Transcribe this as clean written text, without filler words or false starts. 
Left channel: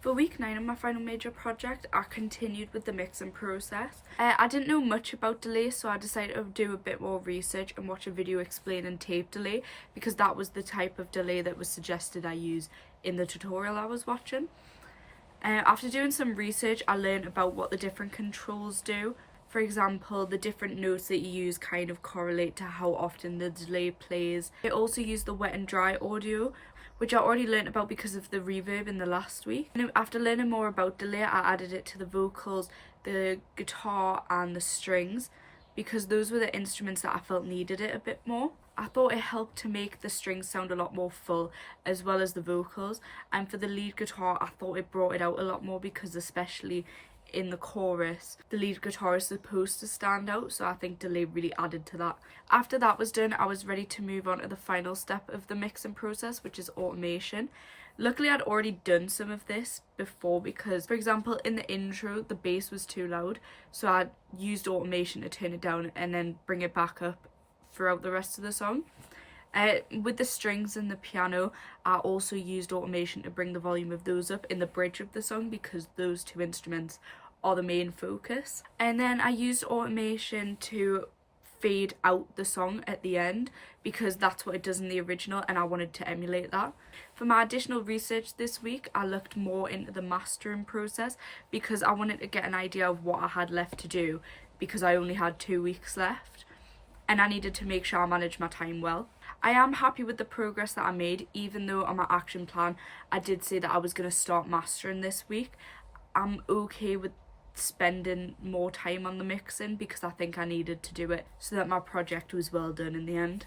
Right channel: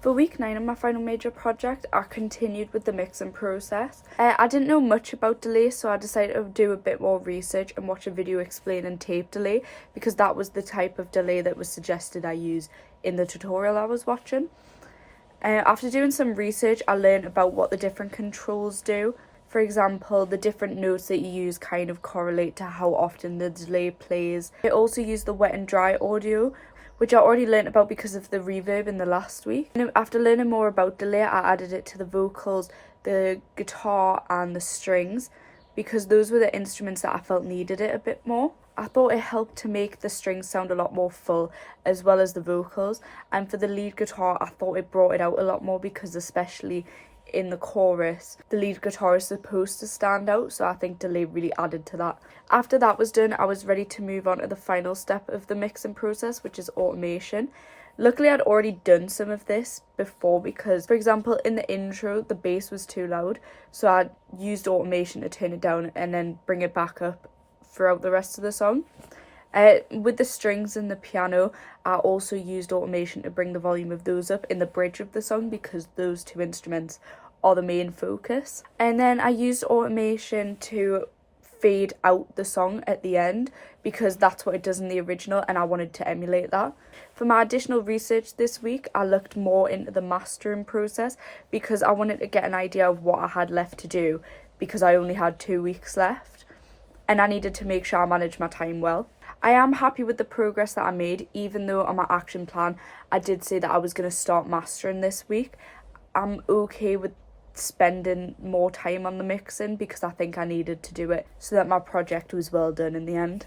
For week 9 of my final major project, I continued with the mixing process. I didn't know much about delay, so I decided to do a bit more research and watch a video explaining tape delay, because that was the type of delay that was suggested I use in the tutorial I was watching. After doing some research, I learned about what the different controls do. For example, the different notes that you use kind of correlate to how often the delay plays. I also use the wet and dry audio, which I already learnt about because of the reverb in the last week. And after learning more about delay, I added it to the vocals, the guitar and the strings, because those were the instruments that I felt needed it a bit more. I thought it helped to make the strings sound a lot more full, as well as the vocals. And for the lead guitar, I thought it brought it out a lot more, because especially in the chorus, the lead guitar is supposed to stand out, so I think delay really added to that. After that was done, I was ready to move on to the final step of the mixing process, which is automation. Luckily, I'd already done some of this before, because, for example, in the intro, the bass was too loud, so I used automation to turn it down and then bring it back up throughout the rest of the song. With the strings and the piano, I also used automation to bring the volume of those up in the bridge of the song, because those two instruments are the main focus. And then I used automation to fade out the song at the end, because that's what it does in the original and I wanted to emulate that. For my additional research this week, I looked more into the mastering process, because I wanted to get an idea of what I had left to do, because I only had 2 weeks left and I needed to make sure I managed my time well. I am happy with the progress that I made, even though on my action plan I did say that I was going to start mastering this week. I'm okay with spending more time on the mixing, because I think I needed to do it so that my project was well done in the end.